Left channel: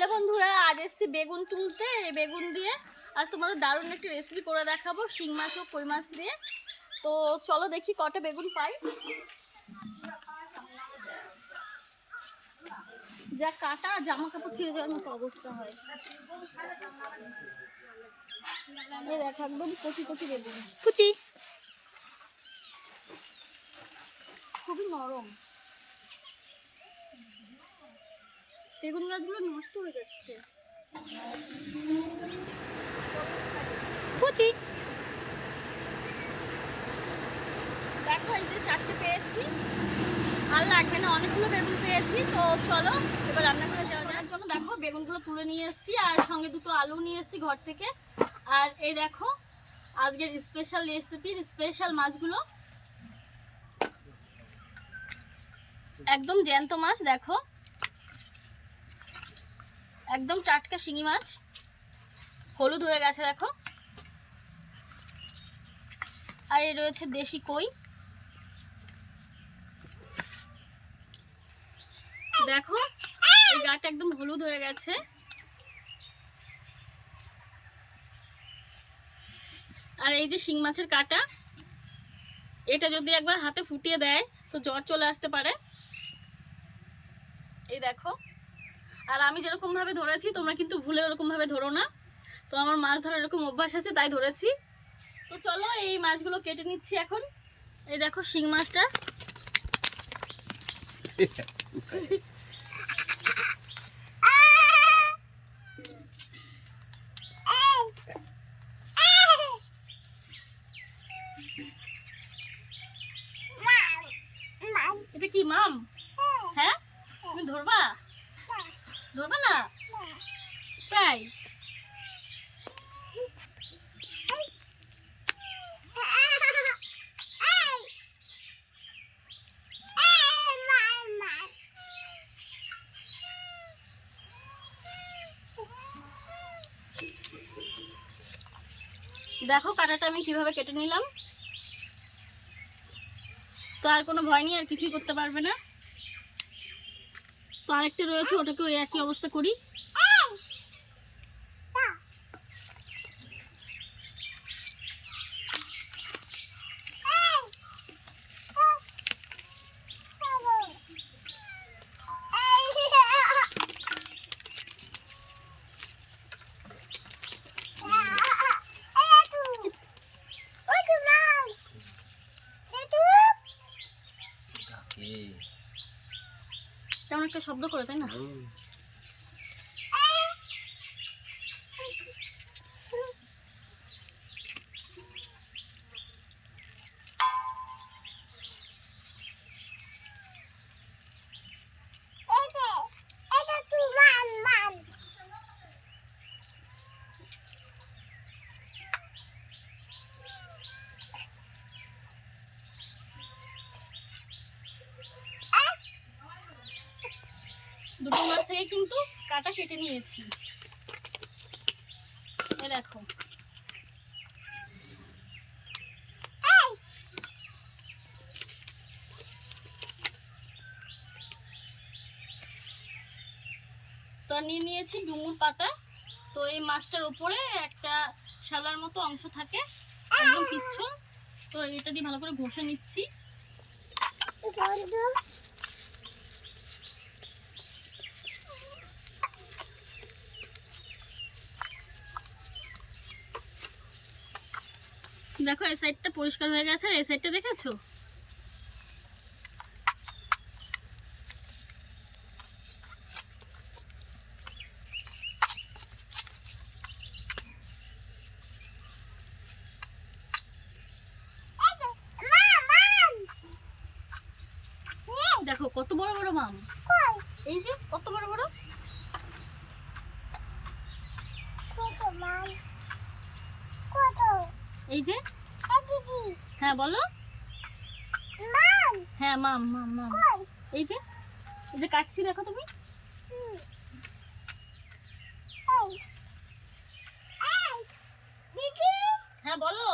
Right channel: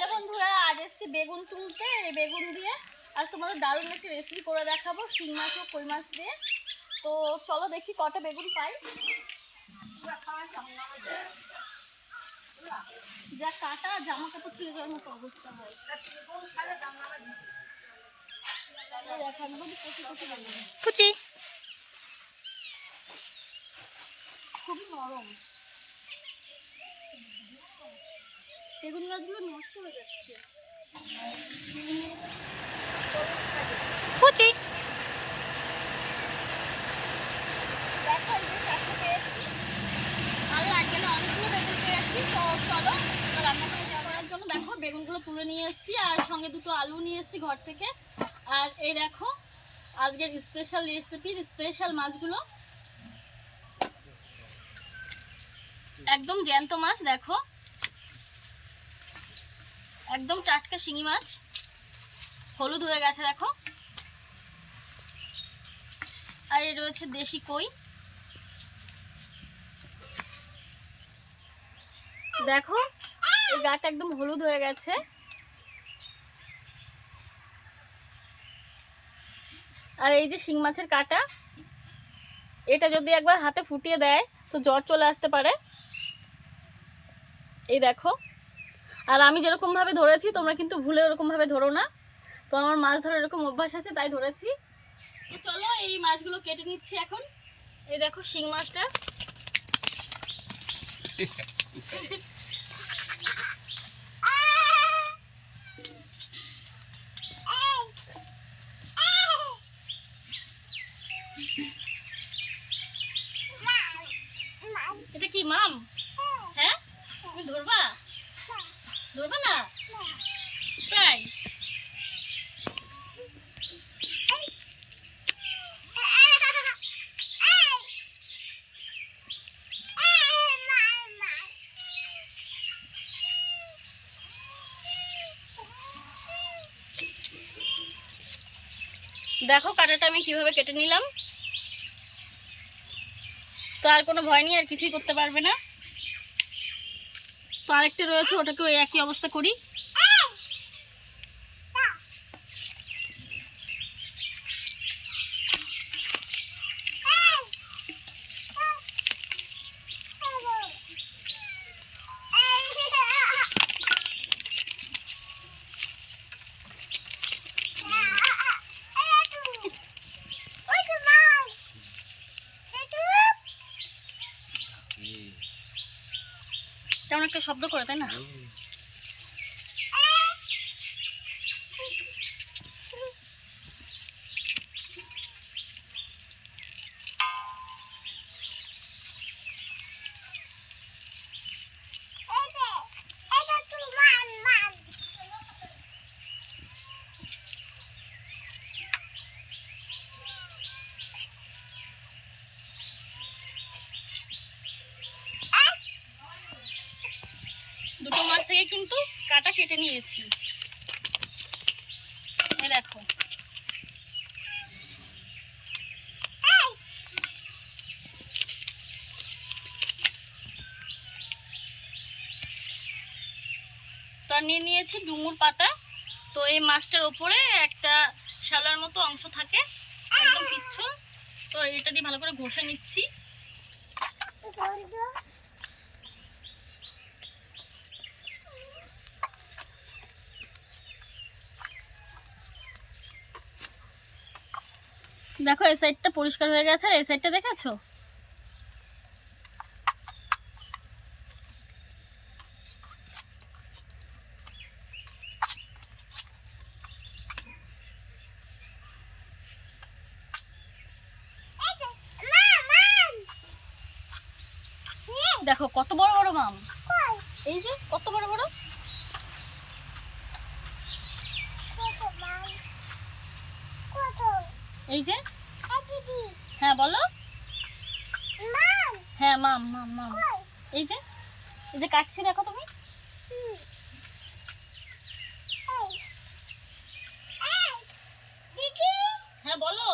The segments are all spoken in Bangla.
হ্যালো বন্ধুরা আজ এসছি বেগুন তুলতে। বেগুন দিয়ে আজ তোমাদের দারুণ একটি রেসিপি করে দেখাবো শিং মাছ ও কই মাছ দিয়ে। তো চলো দেখি কটা বেগুন পাই। যা কাটা জামা কাপড় ছিঁড়ে যাওয়ার মতো অবস্থা হয়। দেখো একদম কচি কচি বেগুন। কুচি। খুবই নরম। বেগুন গাছগুলো নষ্ট হয়ে যাচ্ছে। কুচি। দেখো এই যে চারটে পেয়েছি। আর লাগবে না অনেকগুলো বেগুন পেয়েছি তো চলো এবার রান্না করে যাওয়ার জন্য দেখো বেগুনগুলো তুলে নিয়ে এসেছি আর সঙ্গে দুটো আলু নিয়ে এসেছি ঘর থেকে। আর এই দেখো আজকের স্পেশাল রেসিপির স্পেশাল মাছগুলো। একদম জ্যান্ত মাছ দেখো। একদম টাটকা শিঙি মাছ। হলুদ হয়ে গেছে, দেখো। আর এই রয়েছে দেশি কই। দেখো, এই গাটা একদম হলুদ হয়ে গেছে। আর এই যে শিং মাছের কাটা, এটা যদি একবার হাতে ফুটিয়ে দেয়, তো জ্বর চলে আসতে পারে। এই দেখো। আর আমি যেরকমভাবে ধরেছি, তোমরা কিন্তু ভুলে ওরকমভাবে ধরো না। তো আমার মাছ ধরার এরকম অভ্যাস আছে, তাই ধরেছি। তো চলো, এই মাছগুলো কেটে নিচ্ছি এখন। এই দেখো শিং মাছটা এটা কি মাম হ্যাঁ তুমি ধরবা ধরবা না তাই? দেখো কাটাটা আমি কীভাবে কেটে নিলাম। তো আর কোনো ভয় নেই, আর কিছুই করতে পারবে না। তো আরেকটা রয়েছে, ওটাকে ওই একই অবস্থা করি। একটা শব্দ করে তাই না দুটো মাছ থেকে কিন্তু কাটা কেটে নিয়েছি। দেখো। তো নিয়ে নিয়েছি ডুমুর পাতা। তো এই মাছটার ওপরে একটা শালার মতো অংশ থাকে, একদম পিচ্ছ। তো এটা দিয়ে ভালো করে ঘষে নিচ্ছি। দেখো এই সাইডটা পরিষ্কার হয়ে গেছে আর এই সাইডটা দেখেছ? হ্যাঁ বলো। হ্যাঁ মাম মাম মাম। এই যে এই যে কাটছি দেখো তুমি। হ্যাঁ বলো।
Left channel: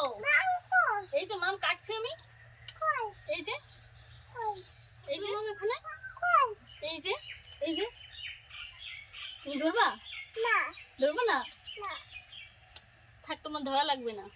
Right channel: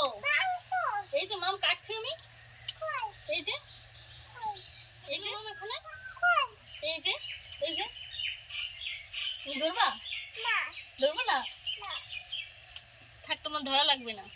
এই যে মাম কাটছি আমি। এই যে এই যে মাম এখানে? এই যে এই যে। তুমি ধরবা? ধরবো না? থাক তোমার ধরা লাগবে না।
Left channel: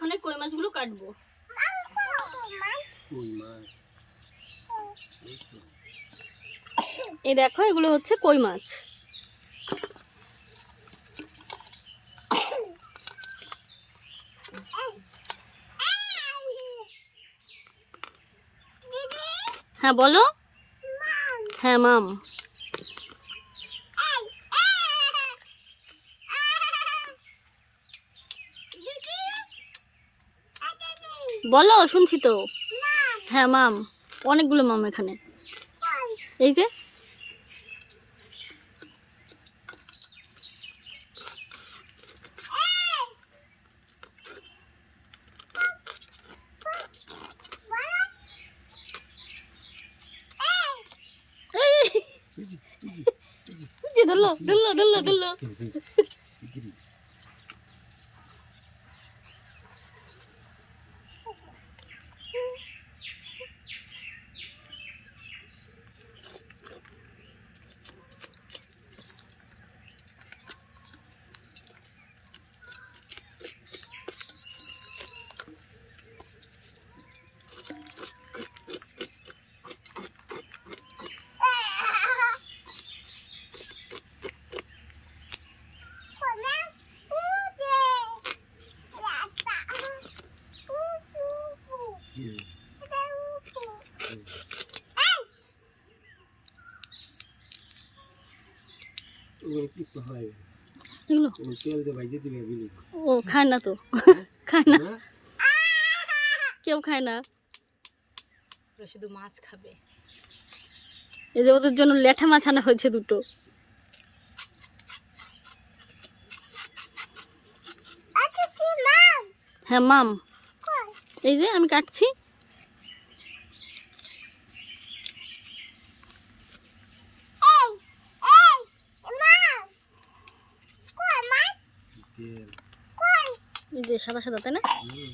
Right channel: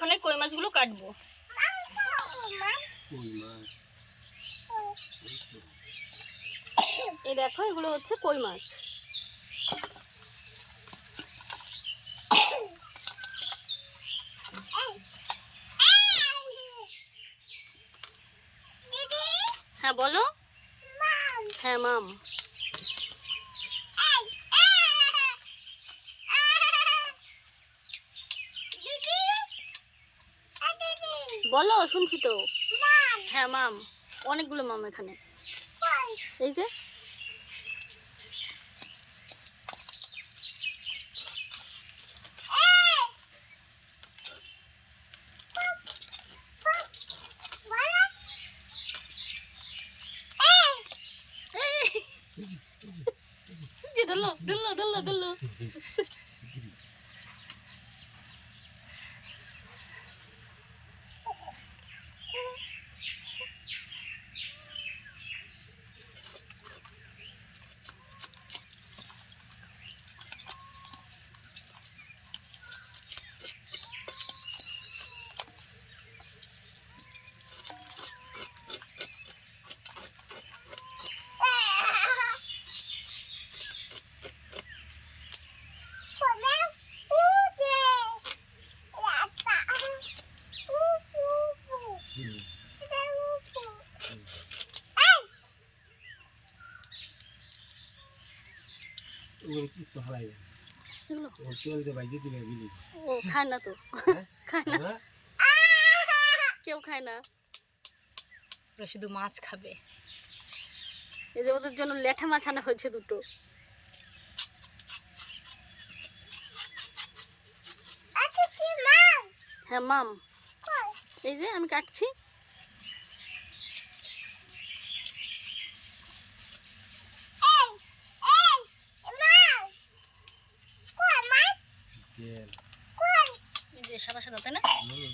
এখন এই কই মাছগুলো কাটবো। এই দেখো এগুলো হচ্ছে কই মাছ। হ্যাঁ বলো। হ্যাঁ মাম। বলো শুনছি তো হ্যাঁ মাম অনেকগুলো মাম এখানে এই যে ধরলো ধরলো ধরলো ধরলো ওগুলো কিচ্ছু এগুলো? তেল দিয়ে ভাইজে দিবে বিলি। ও খায় না তো। খায় না। না কেউ খায় না। ওরা শুধু মাছ খাবে। এই যে ওদের জন্য লেঠা মাছ আনা হয়েছে দুটো। হ্যাঁ মাম। এই যে আমি কাটছি তেল এই যে সাদা সাদা তাই না? হুম।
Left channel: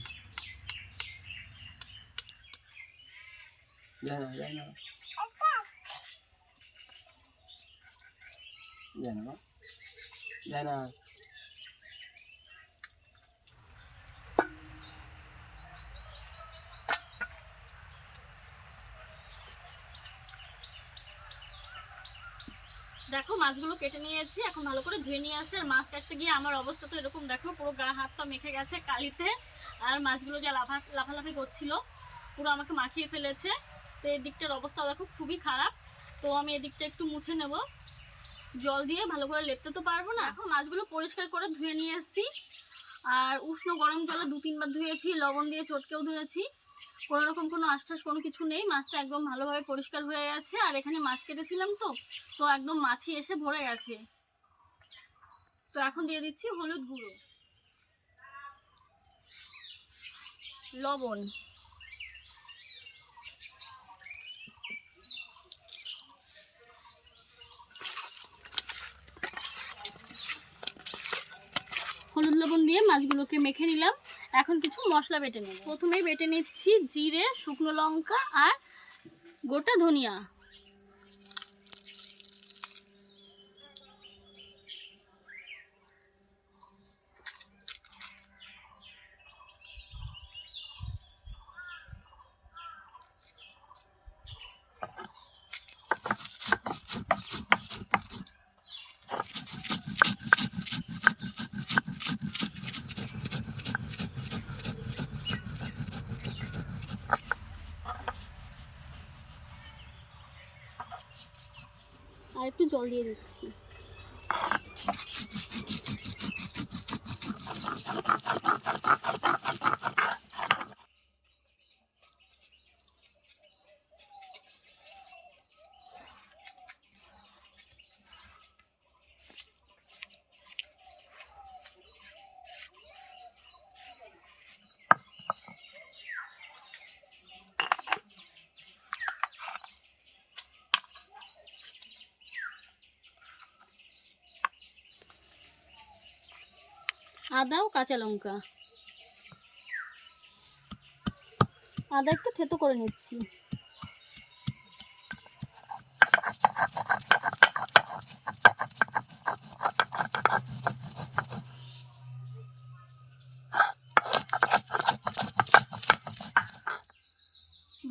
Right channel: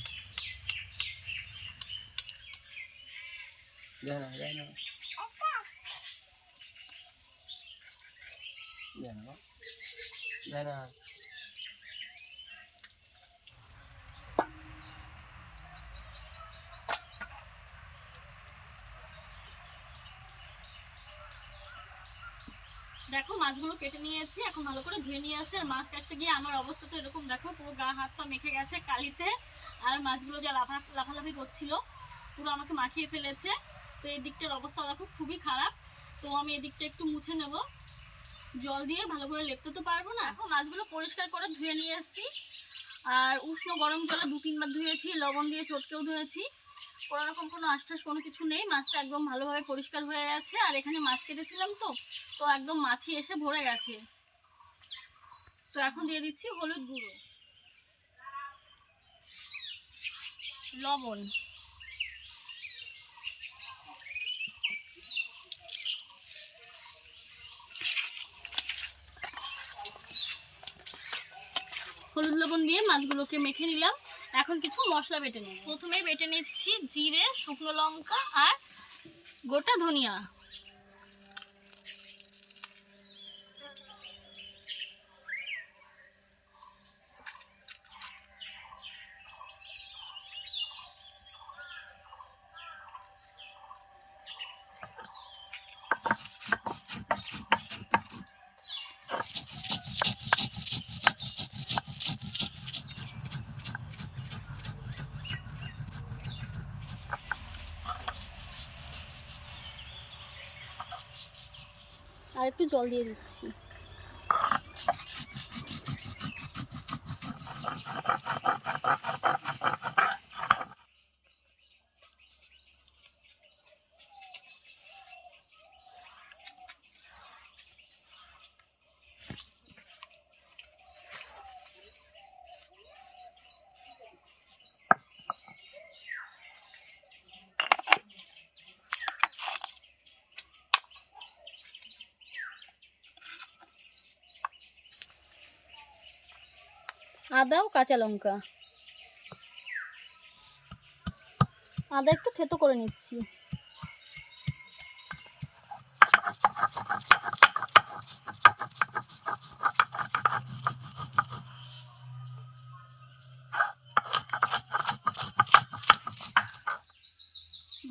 যায় না যায় না যায় না যায় না দেখো মাছগুলো কেটে নিয়েছি, এখন ভালো করে ধুয়ে নিয়ে আসে। আর মাছ কাটতে গিয়ে আমার অবস্থা তো এরকম, দেখো, পুরো গা, হাত পা মেখে গেছে কালিতে। আর মাছগুলো যা লাফা, লাফালাফি করছিল, পুরো আমাকে মাখিয়ে ফেলেছে। তো এই দিকটার অবস্থা দেখো, খুবই খারাপ। তো আমি এদিকটা একটু মুছে নেব। জল দিয়ে ভালো করে লেপতে তো পারব না। এখন মাছগুলো পরিষ্কার করে ধুয়ে নিয়ে এসেছি। আর উষ্ণ গরম জলে দু তিনবার ধুয়েছি, লবণ দিয়ে চটকেও ধুয়েছি। কোনো রকম কোনো আশ্বাস কোনো কিছু নেই। মাছটা একদম ভালোভাবে পরিষ্কার হয়ে গেছে। আর এখানে মাছ কেটেছিলাম তো তো একদম মাছি এসে ভরে গেছে। তো এখন দিয়ে দিচ্ছি হলুদ গুঁড়ো। লবণ। হলুদ লবণ দিয়ে মাছগুলোকে মেখে নিলাম। এখন কিছু মশলা বেটে নেব। প্রথমেই বেটে নিচ্ছি জিরে শুকনো লঙ্কা আর গোটা ধনিয়া। আর একটু জল দিয়ে দিচ্ছি। আদা ও কাঁচা লঙ্কা। আদা একটু থেতো করে নিচ্ছি।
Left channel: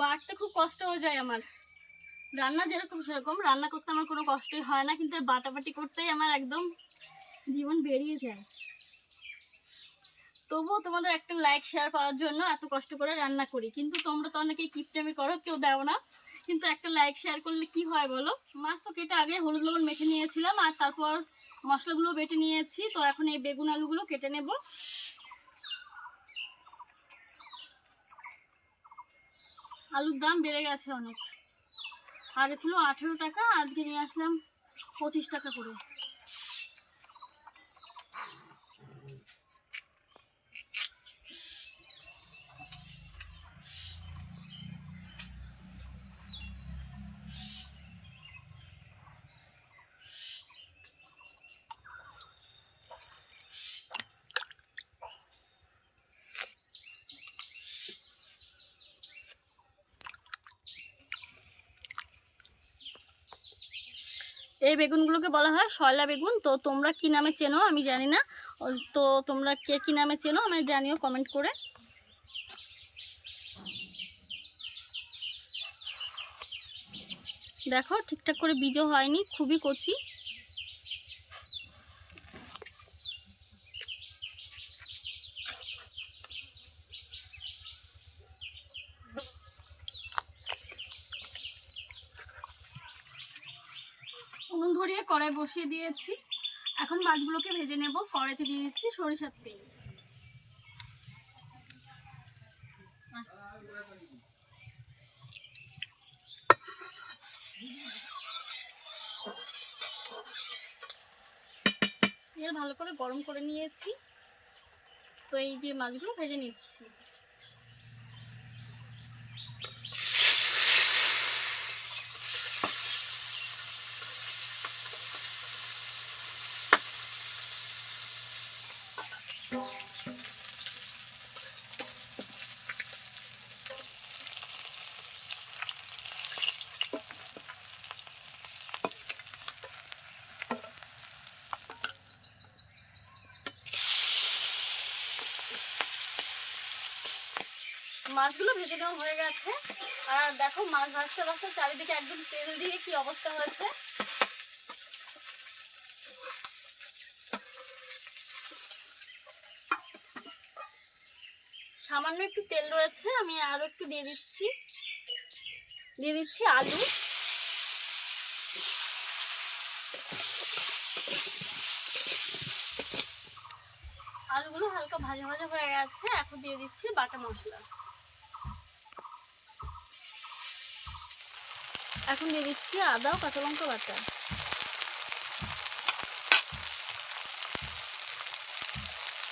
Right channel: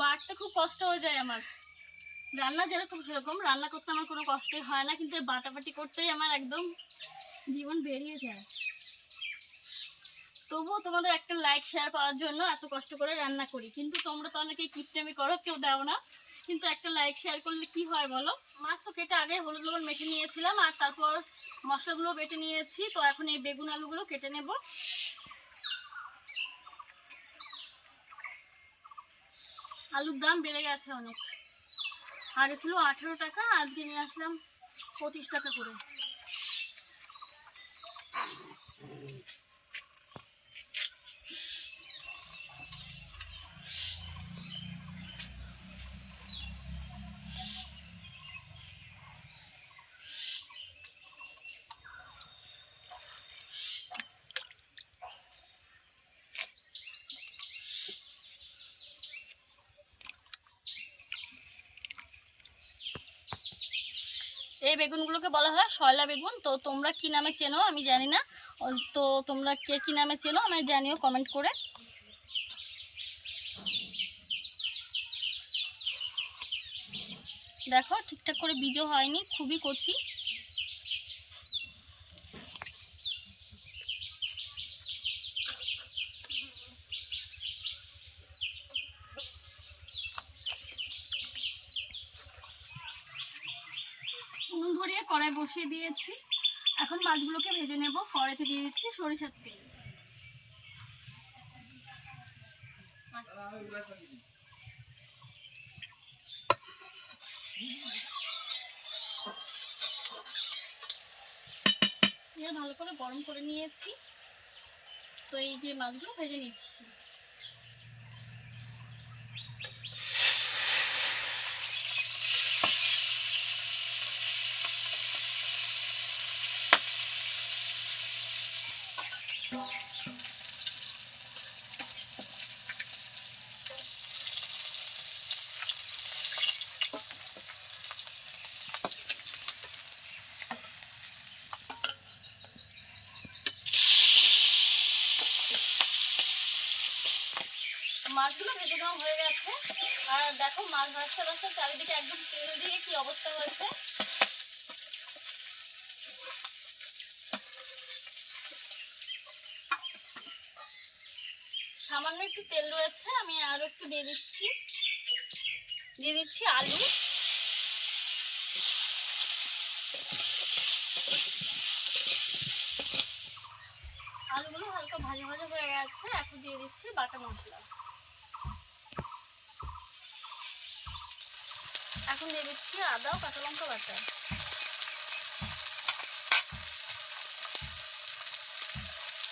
বাড়তে খুব কষ্ট হয়ে যায় আমার। রান্না যেরকম সেরকম, রান্না করতে আমার কোনো কষ্টই হয় না, কিন্তু বাটাবাটি করতেই আমার একদম জীবন বেরিয়ে যায়। তবুও তোমাদের একটা লাইক শেয়ার পাওয়ার জন্য এত কষ্ট করে রান্না করি। কিন্তু তোমরা তো অনেকেই কিপটেমি করো, কেউ দাও না। কিন্তু একটা লাইক শেয়ার করলে কি হয় বলো? মাছ তো কেটে আগে হলুদ লবণ মেখে নিয়েছিলাম, আর তারপর মশলাগুলো বেটে নিয়েছি। তো এখন এই বেগুন আলুগুলো কেটে নেব। আলুর দাম বেড়ে গেছে অনেক। আগে ছিল আঠেরো টাকা, আজকে নিয়ে আসলাম পঁচিশ টাকা করে। এই বেগুনগুলোকে বলা হয় শয়লা বেগুন। তো তোমরা কি নামে চেনো আমি জানি না। তো তোমরা কে কী নামে চেনো আমায় জানিও কমেন্ট করে। দেখো ঠিকঠাক করে বীজও হয়নি, খুবই কচি। কড়াই বসিয়ে দিয়েছি। এখন মাছগুলোকে ভেজে নেব। কড়াইতে দিয়ে দিচ্ছি সরিষার তেল। ভালো করে গরম করে নিয়েছি। তো এই যে মাছগুলো ভেজে নিচ্ছি। মাছগুলো ভেজে নেওয়া হয়ে গেছে। আর দেখো, মাছ ভাজতে ভাজতে চারিদিকে একদম তেল দিয়ে কি অবস্থা হয়েছে। সামান্য একটু তেল রয়েছে, আমি আরও একটু দিয়ে দিচ্ছি। দিয়ে দিচ্ছি আলু। আলুগুলো হালকা ভাজা ভাজা হয়ে গেছে, এখন দিয়ে দিচ্ছি বাটা মশলা। এখন দিয়ে দিচ্ছি আদা, কাঁচা লঙ্কা বাটা।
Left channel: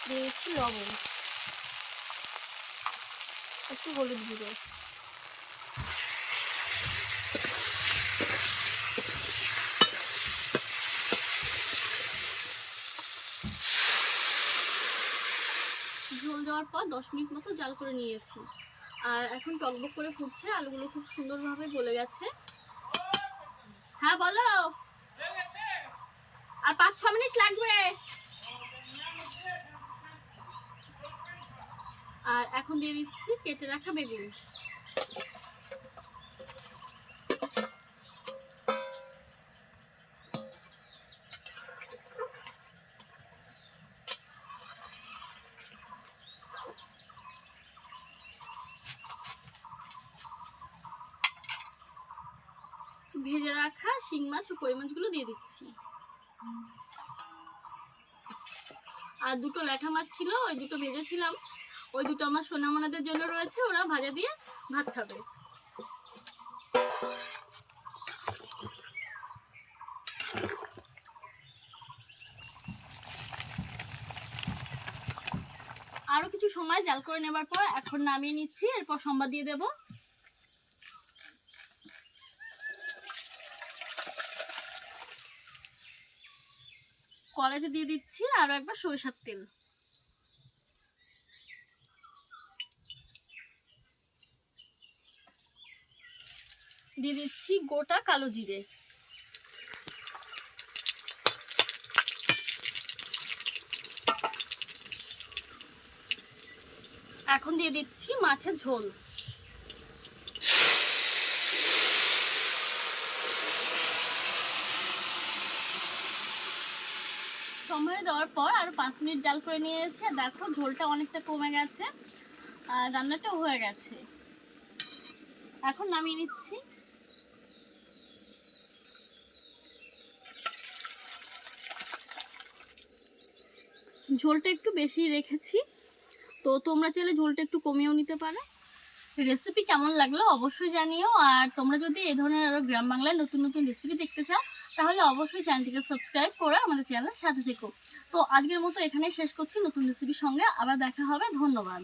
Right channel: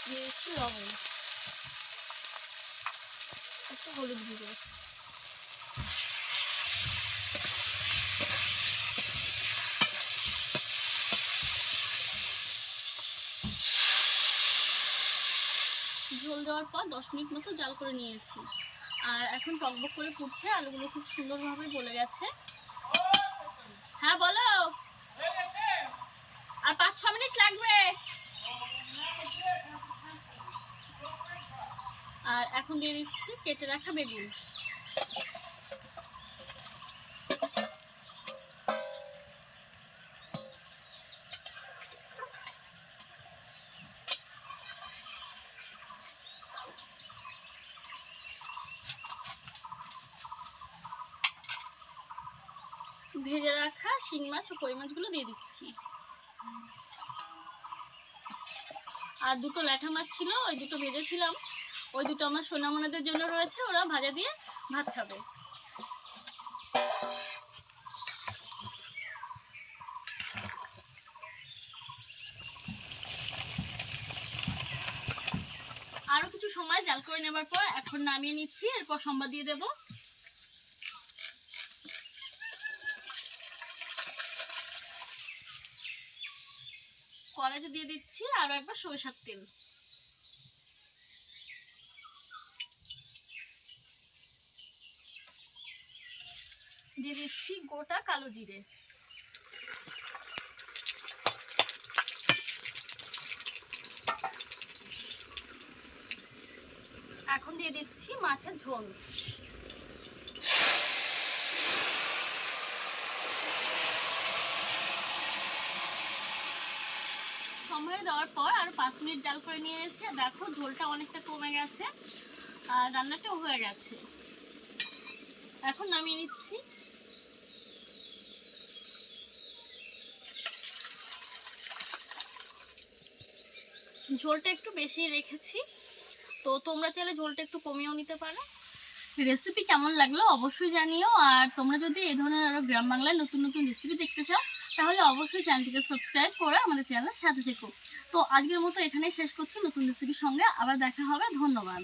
দিয়ে দিচ্ছি লবণ। একটু হলুদ গুঁড়ো। ঝোল দেওয়ার পর দশ মিনিট মতো জাল করে নিয়েছি। আর এখন টকবক করে ফুটছে, আলুগুলো খুব সুন্দরভাবে গলে গেছে। হ্যাঁ বলো। আর পাঁচ ছ মিনিট লাগবে। আর এখন দিয়ে দিচ্ছি কেটে রাখা বেগুন ভেজে রাখা শিং মাছ ও কই মাছগুলো দিয়ে দিচ্ছি। আর দুটো ল্যাঠা মাছ ছিল, ওই দুটো ভেজেছিলাম। ওই দুটো আমার সোনামোনাদের জন্য রয়েছে, ওরা ভাজা দিয়ে ভাত খাবে। আরও কিছু সময় জাল করে নেবার পর এখন নামিয়ে নিচ্ছি, এরপর সম্বাদ দিয়ে দেবো। কড়াইতে দিয়ে দিচ্ছি আরও একবার সরিষার তেল। দিয়ে দিচ্ছি গোটা কালো জিরে। এখন দিয়ে দিচ্ছি মাছের ঝোল। সময় দেওয়ার পর আর পাঁচ মিনিট জাল করে নিয়েছি। দেখো, ঝোলটা অনেকটা কমে গেছে আর রান্নাটাও হয়ে গেছে। এখন নামিয়ে নিচ্ছি। ঝোলটা একটু বেশি রেখেছি। তো তোমরা চাইলে ঝোলটা একটু কমিয়েও নিতে পারো। রেসিপি কেমন লাগল অবশ্যই জানিও। আর তোমরা যদি এই ধরনের আরও গ্রাম বাংলায় নতুন নতুন রেসিপি দেখতে চাও তাহলে অবশ্যই চ্যানেলটিকে সাবস্ক্রাইব করে আমাদের চ্যানেলের সাথে থেকো। তো আজকের মতো এখানেই শেষ করছি নতুন রেসিপির সঙ্গে। আবার দেখা হবে। ধন্যবাদ।